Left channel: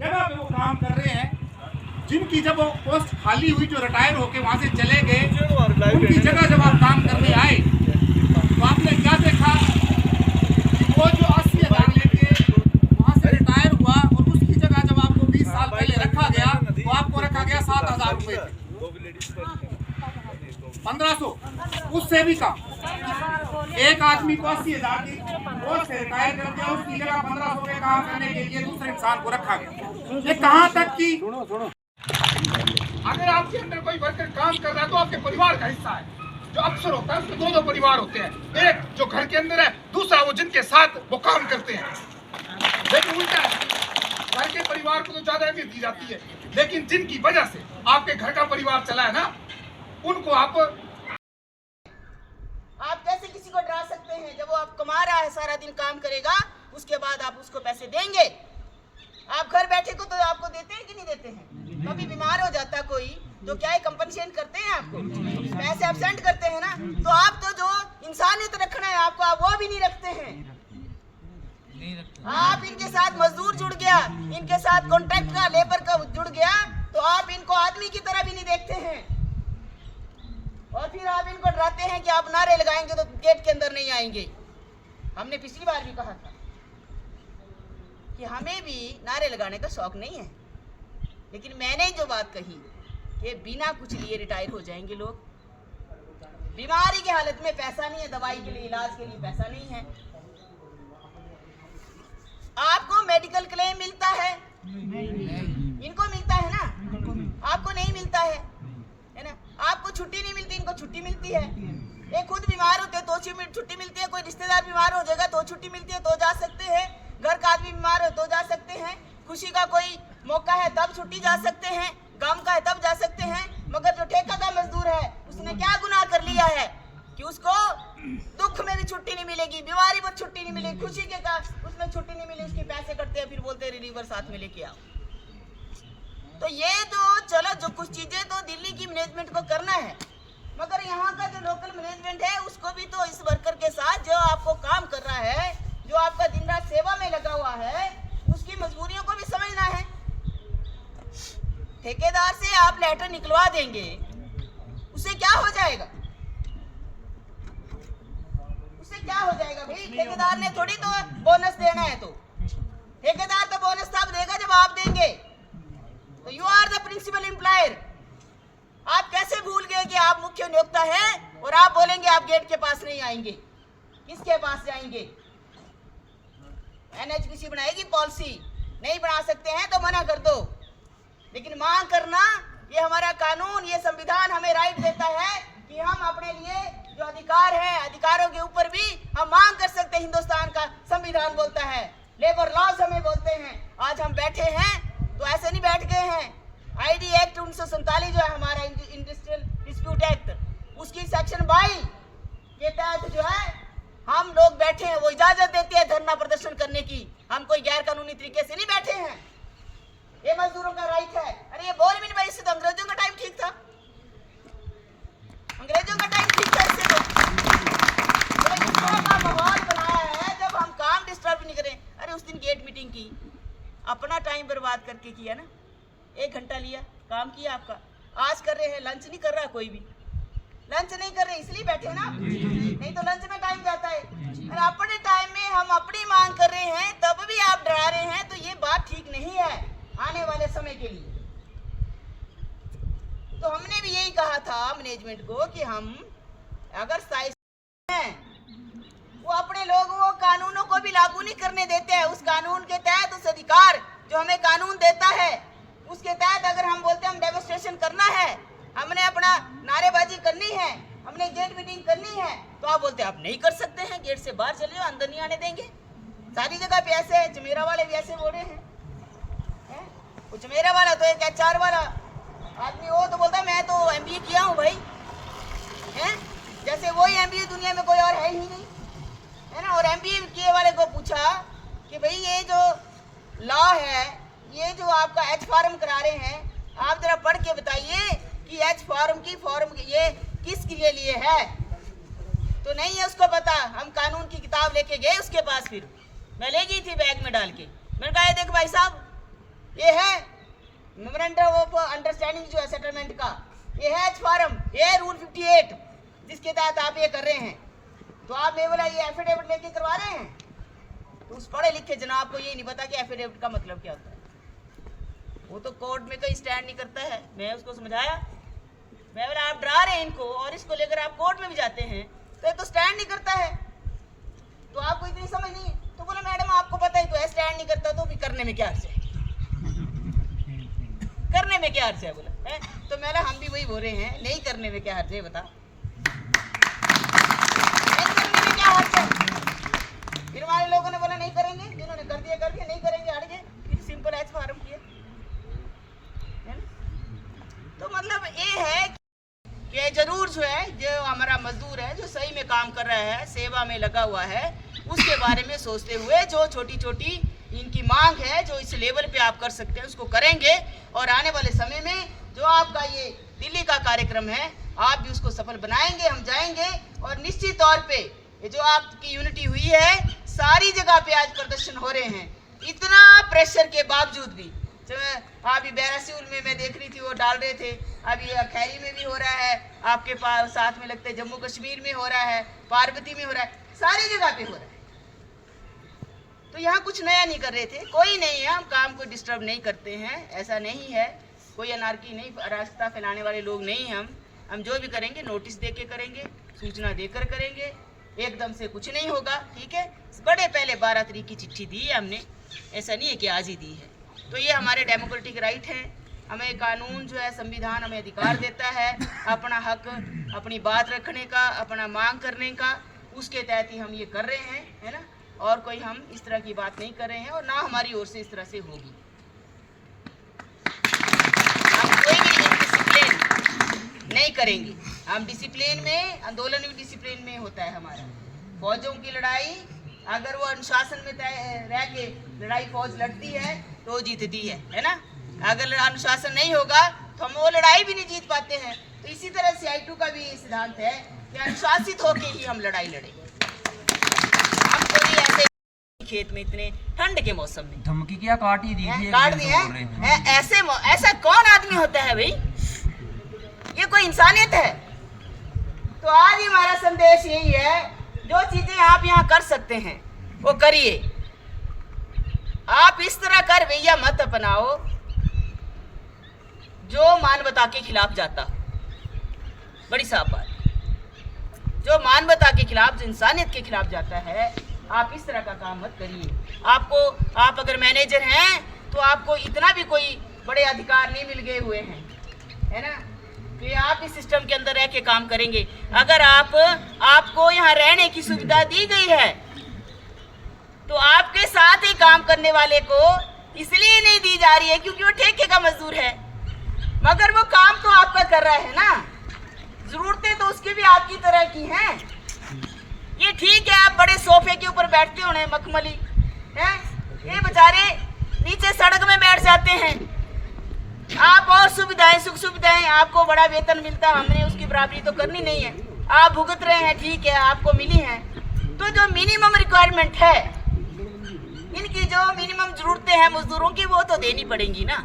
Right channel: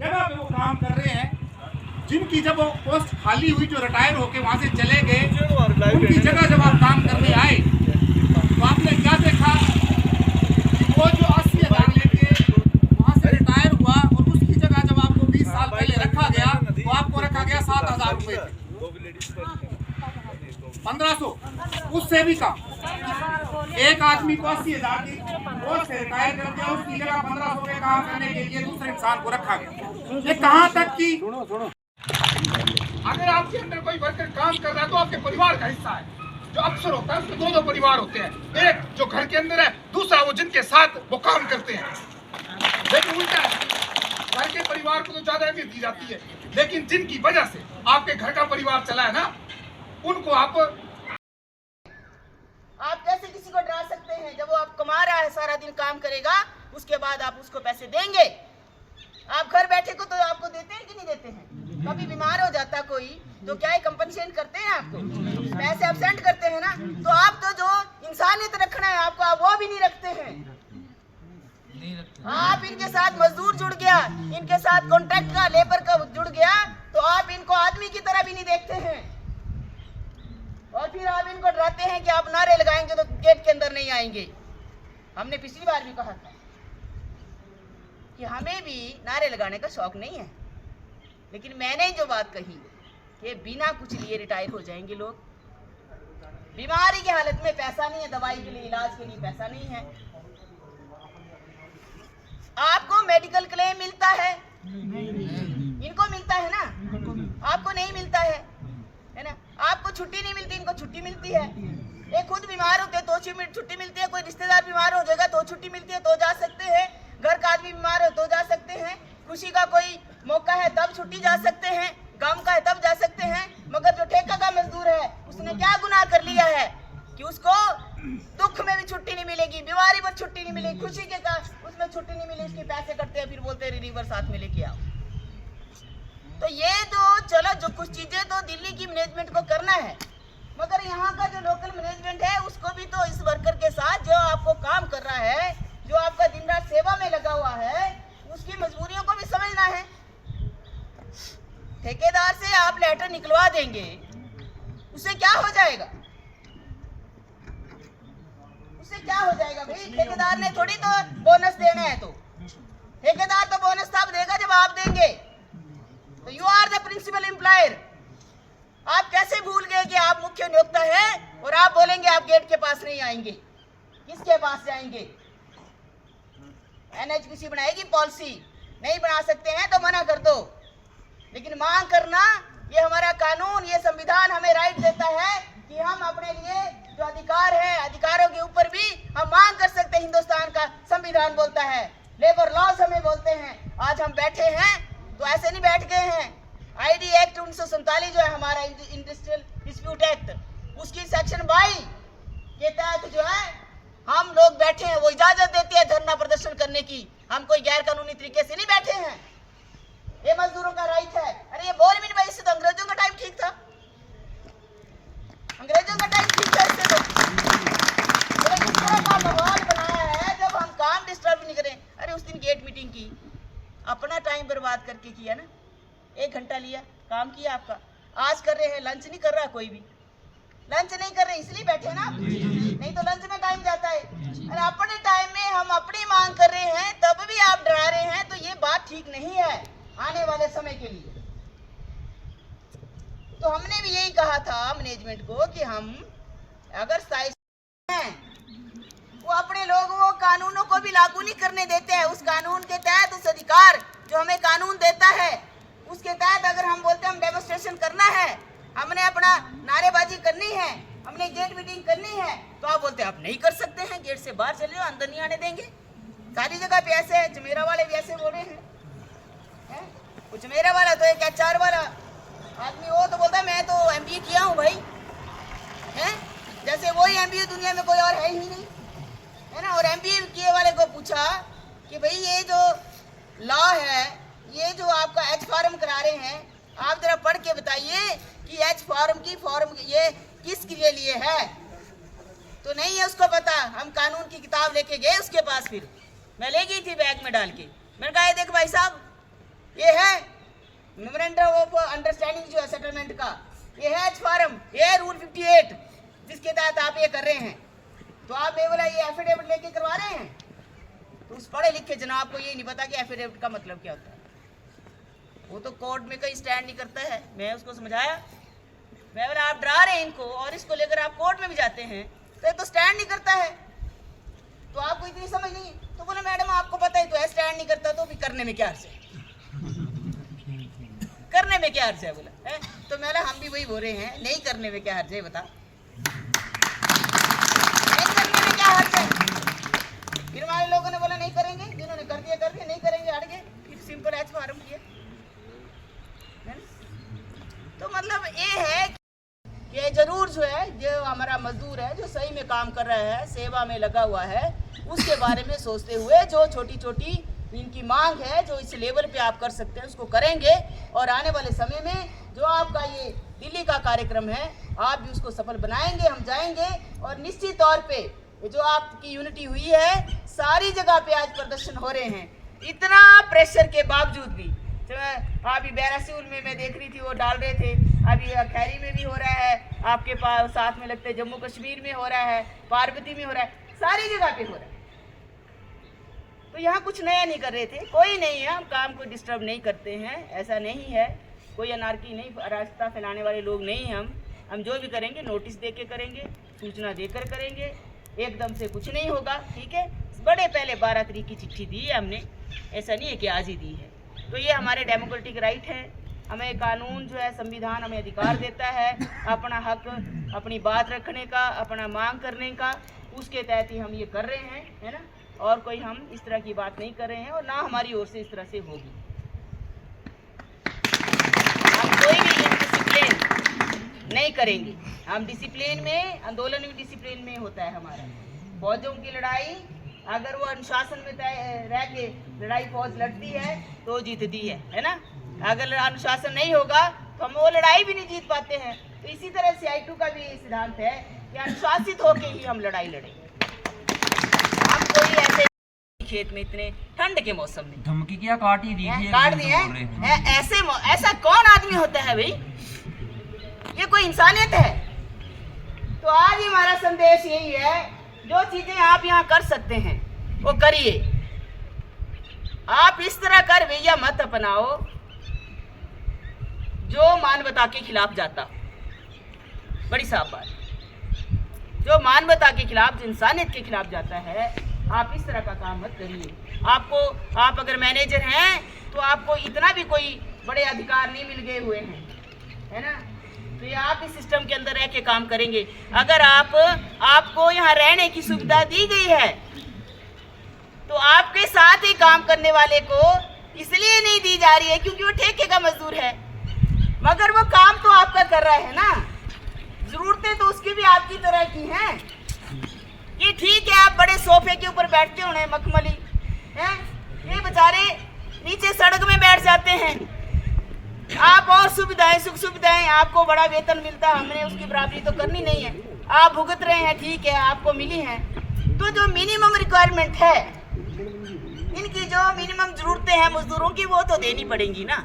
जगह पे वो काम कर रहे हैं, जिनकी जब वो पोस्ट खाली हुई, जो रिटायर होके वहां से चले गए, उनकी जगह जब आप काम करने आए तो आपने क्या देखा? वो जो 80,000 लेके वहां से रिटायर हुआ और उसकी जगह जब आपको 20 साल पहले रखा गया तो आपको रखा गया 7,000 रुपए, 1500, उससे भी कम। एक आदमी को 80,000 की पोस्ट से रिटायर कर दिया, उसकी जगह 1500 पे काम करने के लिए दूसरे इंसान को रखा गया। ये कहाँ तक की? अगर आपके अंदर कोई वर्कर काम कर रहा है तो आपके परिवार का हिस्सा है। जो अफसर होता है उसमें दो परिवार होते हैं, एक जो घर के अंदर है, दूसरा वो जिनके साथ वो काम करते हैं। लेकिन उल्टा है, घर के परिवार को तो ज्यादा अहमियत दी जाती है, लेकिन जिनकी वजह से आपके घर का परिवार चला है ना, उनको आप कैसे किसी को डरा सकते हैं? जब वो आप कमा रहा है, सारा दिन काम करेगा, उसके बाद आप उसको पैसे देंगे? आप घर बैठे को तो आपको देते हैं कि नहीं देते हैं? कभी बीमार हो जाता कोई तो क्या कंपनसेशन करते हैं आपको? पैसे एब्सेंट करते हैं ना। तो आप तो जो इंसानियत रखना है आपको, आप वो भी नहीं रखते हैं। आप इनके साथ मजदूर जुड़ गया, इनके साथ कॉन्ट्रैक्ट का, लेबर का जुड़ गया, तो आप इनको आदमी की तरह भी नहीं देखते हैं। और फिर आप इनको डराते हैं कि आप नारे लगाएंगे तो गेट के अंदर नहीं आएंगे। हमने पिछली बार भी कहा था कि हमें भी नारे लगाने का शौक नहीं है, लेकिन मैंने जो बात कही कि बिना कुछ लिए रिटायर हो जाएंगे लोग। बीमारी की हालत में पैसा नहीं है, दवाई के लिए, इलाज के लिए पैसा नहीं है। आपको मेडिकल क्लेम मिलता है, इनको मिलता है ना, आपको नहीं मिलता है ना। आपको छुट्टी नहीं मिलती, इनको छुट्टी मिलती है। ये खुद बीमार होते तो छुट्टी मिलती है, कोई रिश्तेदार बीमार हो जाएगा तो छुट्टी मिलती है, तो जा सकते हैं। घर का आदमी बीमार हो तो जा सकते हैं। खुशी का कोई मौका है तब छुट्टी जा सकते हैं, गम का है तब जा सकते हैं। मगर जो ठेका का मजदूर है, उसने क्या गुनाह कर लिया है कि उसको दुख में भी छुट्टी नहीं मिलेगी, बीमारी पर छुट्टी नहीं मिलेगी, खुशी के का उसमें छुट्टी नहीं मिलेगी, उसके पैसे कटते हैं, फिर बोलते हैं रिलीवर साथ में लेके आओ। तो ये जो चलो जो कुछ चीजें तो दिल्ली की मैनेजमेंट को करना है, मगर यहाँ का जो लोकल मैनेजमेंट है उसको भी तो इस वर्कर के साथ जो आपको काम कर रहा है, जो आपका दिन रात सेवा में लगा हुआ है, उसकी मजबूरियों को भी समझना है। ठेकेदार से आप लेटर निकलवा देंगे, उससे क्या हो जाएगा? उससे क्या हो जाएगा भाई? ठेकेदार ने थोड़ी तो बोनस देना है, तो ठेकेदार तो बोनस तब देगा जब आप देंगे। तो you are the principal employer. आप कैसे भूल गए कि आप मुख्य नियोक्ता हैं और आप बोलेंगे आप गेट के पास नहीं आएंगे? किसके पास जाएंगे? एनएचपीसी बनाएगी पॉलिसी, नहीं बना सकते हैं तो मना कर दो, लेकिन मांग करना ये हमारा कानून, ये संविधान हमें राइट देता है कि हम अपने लिए जो अधिकार है, अधिकारों के ऊपर भी हम मांग कर सकते हैं। हिंदुस्तान का संविधान बोलता है, लेबर लॉज हमें बोलते हैं। आज हम बैठे हैं तो ऐसे नहीं बैठ गए हैं। आईडी एक्ट 1947 जो है हमारा इंडस्ट्रियल डिस्प्यूट एक्ट, उसकी सेक्शन 22 के तहत जो है हम लोग बैठे हैं, वो इजाजत देती है धरना प्रदर्शन करने की। हम कोई गैर कानूनी तरीके से नहीं बैठे हैं, ये मजदूरों का राइट है। अरे ये बोल भी नहीं भाई, इससे तो अंग्रेजों का टाइम ठीक था, अंग्रेजों का टाइम ठीक था। इससे तो माहौल बनाया है जब हम काम डिस्टर्ब नहीं करें। अरे उस दिन गेट मीटिंग की, अपना टाइम बर्बाद करके किया ना, 1 घंटा लिया, काम किया आपका। आज कर रहे हैं, लंच नहीं कर रहा कोई भी, लंच नहीं कर रहे इसलिए बैठे ना, नहीं तो लंच में टाइम जाता है। और अपने टाइम में हम अपनी मांग कर रहे हैं तब भी आप डरा रहे हैं, तो ये बात ठीक नहीं है आने वाले समय के लिए। तो हमने भी यही कहा था मैनेजमेंट को कि हम अगर स्थायी हैं, वो अपने लोगों को कानूनों को भी लागू नहीं करने देते हैं। उस कानून के तहत, उस अधिकार जो हमें कानून देता है, उसके तहत अगर हम बोलते हैं हम डेमोन्स्ट्रेशन करना है, हमने अपना नारेबाजी करनी है, हमने गेट मीटिंग करनी है, तो आप बोलते हैं आप नहीं कर सकते हैं, गेट से बाहर चले जाओ, अंदर नहीं आने देंगे। सारी जगह पे ऐसे है, चमेरा वाले भी ऐसे बोल रहे हैं। कुछ मेरा वाला तो एक HR वाला आदमी हो तो बोलता है मैं तो MBA किया हूँ भाई, हैं? जैसे वही MBA दुनिया में कोई और है ही नहीं, है ना। और MBA किए वाले को पूछा कि भाई ये जो लॉ है, ये जो आपका H फॉर्म करा रहे हैं, आप जरा पढ़ के बताइए कि H फॉर्म ये किसके लिए है। तो नहीं है उसको पता। हम कानून की किताब लेके गए उसके पास, फिर मैं ले गई थी बैग में डाल के, मैंने कहा ये देख भाई साहब, ये है मेमोरेंडम ऑफ अंडरस्टैंडिंग जो है सेटलमेंट का, ये है फॉर्म, ये है रूल 58 जिसके तहत आप ये कर रहे हैं। तो आप ये बोला ये एफिडेविट लेके करवा रहे हैं, तो उस पढ़े लिखे जनाब को ये नहीं पता कि एफिडेविट का मतलब क्या होता है। वो तो कोर्ट में कहीं स्टैंड नहीं करता है। मैं उसको समझाया, मैं बोला आप डरा रहे हैं इनको, और इसको लेकर आप कोर्ट में भी जाते हैं तो ये तो स्टैंड नहीं करता है, तो आपको इतनी समझ नहीं। तो बोले मैडम आपको पता ही तो है स्टैंड नहीं करता, तो भी करने में क्या अर्थ है, करने में क्या अर्थ है बोला है? तो मैं हम भी वही बोल रहे हैं, नहीं करने में क्या अर्थ है बता, नहीं करने में क्या अर्थ है। फिर हमारे लोगों ने बोला नहीं करेंगे, जिन्होंने कर दिया नहीं करेंगे, हट गए, फिर सिंपल एज फॉर्म किया। तो मतलब ये है कि जरूर जो है जो हमारा मजदूर है जो सही में काम कर रहा है, सेवा में लगा हुआ है, उसके बारे में सोचते हुए जो छोटी छोटी इनकी मांग है जो इस लेवल पे आप कर सकते हैं उसको करेंगे। और आने वाले समय में जो आपका ये दिल्ली का कार्यक्रम है आप भी उसको सफल बनाएंगे, हम जाएंगे। और निश्चित तौर पे ये जो आपकी यूनिटी हुई है, सारी जगह पे आज प्रदर्शन हो रहे हैं, इतना प्रेशर के बावजूद भी। अभी बैरासिउल में मैं देख रही थी वो डाल रहे थे, अभी खैरी में भी हो रहा है, आपके पास साथ में लगता है जम्मू कश्मीर में हो रहा है, पार्वती में हो रहा है, सारी जगह पे हो रहा है। तो यहाँ कुछ नया नहीं कर रहे थे, कोई नहीं है, हम काम को डिस्टर्ब नहीं करते हैं, ऐसा नहीं है, कोई अनारकी नहीं, अराजकता फैलाने वाले लोग नहीं हैं हम जो भी करेंगे नोटिस दे के करेंगे, सूचना देकर करेंगे, एकदम से कुछ नहीं होगा, ठीक है। बड़े पहले 12 तारीख की चिट्ठी दी है हमने, ऐसा नहीं है कि आज ही दी है। तो ये हमारे डेमोक्रेटिक राइट हैं, हमें कानून जो है संविधान हमें अधिकार देता है अपना हक, अपनी बात रखने का, अपना मांग करने का, उसके तहत ही हम ये कर रहे हैं, है ना। और कोई हम इस तरह की बात नहीं कर रहे हैं और ना हमारी ओर से इस तरह से होगी। हम कोई भी डिसिप्लिन नहीं करेंगे, हम डिसिप्लिन में, आंदोलन भी डिसिप्लिन में होता है हमारा। फौजों की लड़ाई अगर वो अनुशासन में रह के लड़ाई फौज लड़ती है तो जीतती है ना। अगर अनुशासन नहीं होगा तो हम वो लड़ाई भी नहीं जीत पाते हैं। तो इसी तरह CI2 का भी सिद्धांत है कि अनुशासित होकर ही हम लड़ाई लड़ेंगे। हम कोई ऐसे खेत में इतने ठंड के मौसम में धमकी क्या काट ही दी थी, काट दी है, ऐसा कौन आदमी होता है भाई, ये कोई इंसानियत है। तो आज हमारा संदेश यही है, जो चीजें आप यहाँ कर सकते हैं वो करिए। आप इस तरह कर रवैया मत अपनाओ जो मानवता के खिलाफ जाता, बड़ी साफ बात, जो मानवता के खिलाफ, जो इंसानियत के खिलाफ जाता है, आप इस तरह का काम मत करिए। आप अगर मैनेजर हैं तो आपको इतना भी कोई बड़े अधिकार नहीं मिल गए हुए हैं, है ना। तो ये आप इस सिस्टम के अंदर रह के काम करेंगे। अगर आपको यहाँ रहने की सुविधा दी गई है तो आपके साथ ही काम करने वाले को इसलिए नहीं दी जा रही है क्योंकि वो ठेके का मजदूर है, मगर वो काम तो आपका कर रहा है ना, जरूरतें तो उसकी भी आपकी तरह की हैं। ये ठीक है आप बड़े सोफे के ऊपर बैठते होने मखमली हैं, ये बेचारे नीचे सड़क में बैठ जाते हैं। आप और सुविधाएं, सुख सुविधाएं, आपको बड़ा वेतन मिलता, हमने उसकी बराबरी तो करनी नहीं है, आप भुगत रहे हैं, ठीक है आपको मिली है। तो जो मिनिमम रिक्वायरमेंट है, इनकी जो मिनिमम जरूरतें हैं मजदूरों की, वो तो देनी पड़ेंगी ना।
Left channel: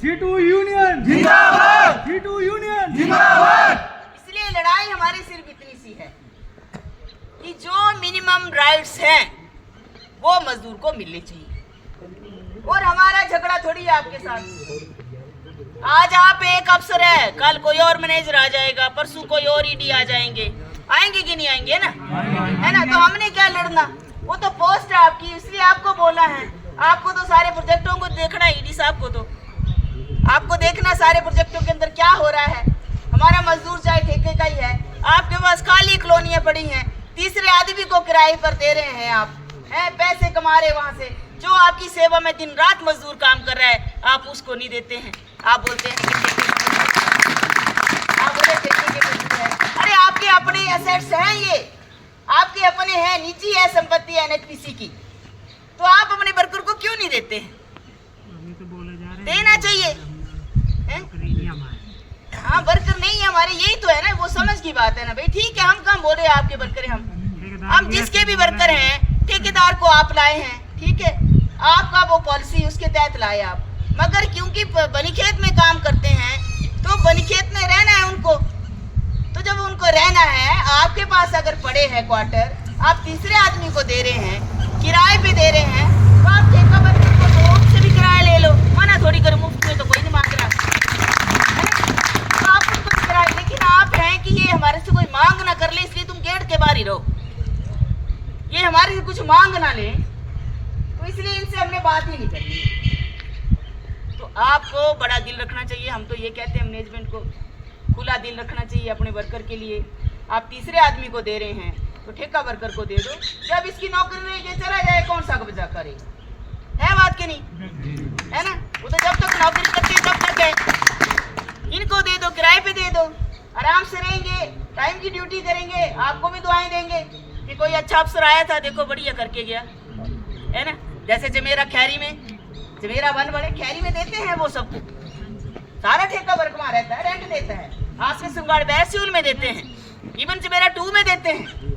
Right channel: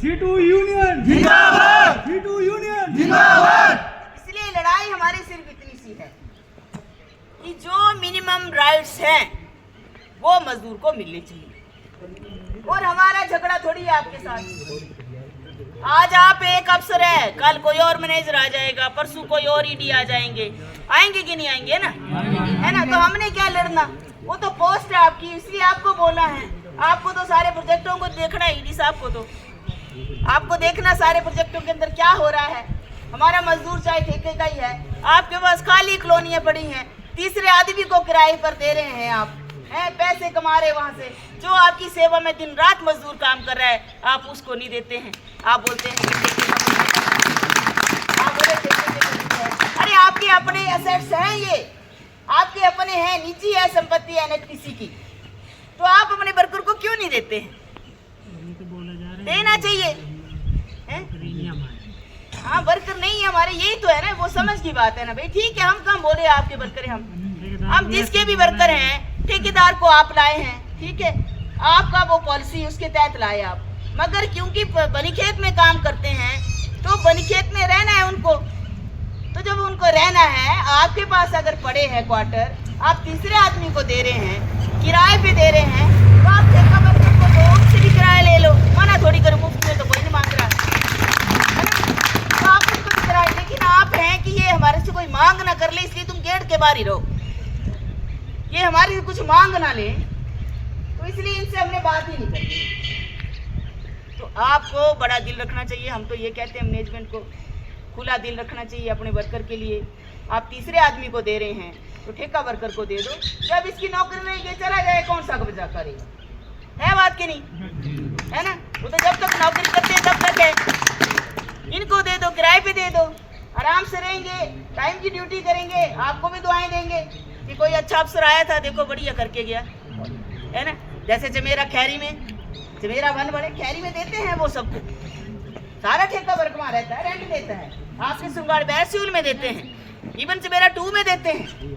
C2 यूनियन जिंदाबाद, C2 यूनियन जिंदाबाद। इसलिए लड़ाई हमारी सिर्फ इतनी सी है कि जो मिनिमम राइट्स हैं वो मजदूर को मिलने चाहिए। और हमारा झगड़ा थोड़ी है आपके साथ। आज आप एक अफसर है, कल कोई और मैनेजर आ जाएगा, परसों कोई और ED आ जाएंगे, आएंगे कि नहीं आएंगे ना, है ना। तो हमने क्या लड़ना, वो तो पोस्ट है आपकी, इसलिए आपको बोला है। आपको तो सारे प्रोजेक्टों को देखना है, ED साहब को तो आपको देखना सारे प्रोजेक्टों के अंदर क्या हो रहा है। हमारा मजदूर चाहे ठेके का ही है, आपके पास खाली कॉलोनियां पड़ी हैं, तीसरे आदमी को किराए पर दे रहे हैं, आप हैं पैसे कमा रहे वहां से। जो आपकी सेवा में दिन रात मजदूर काम कर रहा है आप उसको नहीं देते हैं, आप बोलते हैं अरे आपके अपने एसेट्स हैं, ये आपके अपने हैं, निजी है संपत्ति NHPC की, तो आप अपने वर्कर को क्यों नहीं देते हैं? देना चाहिए। हाँ वर्कर नहीं है हमारे, यही तो है ना, वो समझ की बात है ना भाई। ठीक है हम कहाँ बोल रहे हैं आपके वर्कर हैं, हम जिसके भी वर्कर हैं, ठेकेदार को आप लाए हैं, ठीक है, आपका वो पॉलिसी उसके तहत लाए आप, मगर क्योंकि बनीखेत में काम करते हैं तो बनीखेत में रहना है उनको। तो जब उनको रहना है, आपके पास अगर पड़े हैं क्वार्टर, आप तीसरे आदमी को दे रहे हैं, किराए पे दे रहे हैं, तो आप ठेका वर्कर को दो, उनसे भी किराया ले लो। मना थोड़ी करो, मुफ्त में तो कोई नहीं मांग रहा है ना? तो आप उनको भी किराया, लेकिन आप हैं कि ये हमारे से कोई मांग ना कर ले, इसलिए तुम गेट के बाहर ही रहो, ये हमारे से कुछ मांग ना ले, तो इसलिए इनसे हमने बात ही नहीं करनी। तो आपको बड़ा दिल रखना चाहिए। हम तो ये कहते हैं मैनेजमेंट को, खुला दिल रखना चाहिए अपने वर्कर के लिए। आप तीसरे आदमी को दे रहे हैं तो ठेका वर्कर को दे दो। जब इसकी नौकरी में ये चला जाए, कौन सा बचा करेगा? है बात के नहीं, है ना? वो तो जब तक नौकरी करते हैं तब तक है। इनको दे दो, किराए पे दे दो, आराम से रहेंगे, टाइम की ड्यूटी करेंगे, आपको भी दुआएं देंगे कि कोई अच्छा अफसर आया था, देखो बढ़िया करके गया, है ना? जैसे जमेरा खैरी में, जमेरा 1 बड़े खैरी में देते हैं वो सबको, सारा ठेका वर्क वहाँ रहता है, रेंट देता है। आपसे सुंगाड़ बैसूल में देते हैं, इवन जमेरा 2 में देते हैं।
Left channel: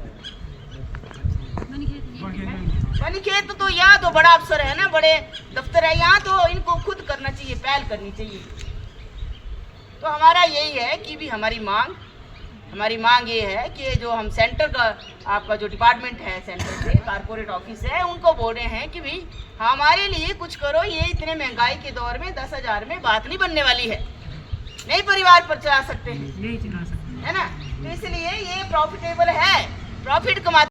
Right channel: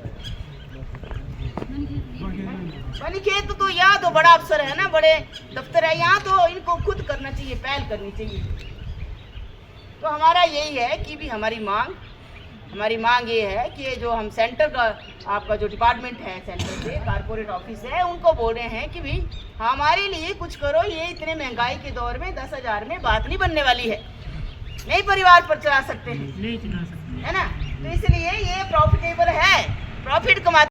बनीखेत तो यहाँ तो बड़ा अफसर है ना, बड़े दफ्तर है, यहाँ तो इनको खुद करना चाहिए, पहल करनी चाहिए। तो हमारा यही है कि भी हमारी मांग ये है कि जो हम सेंटर का, आपका जो डिपार्टमेंट है सेंटर से, कारपोरेट ऑफिस है, उनको बोल रहे हैं कि भाई हमारे लिए कुछ करो। ये इतने महंगाई के दौर में 10,000 में बात नहीं बनने वाली है, नहीं परिवार पर चला सकते हैं, है ना? तो इसलिए ये प्रॉफिटेबल है, प्रॉफिट कमाते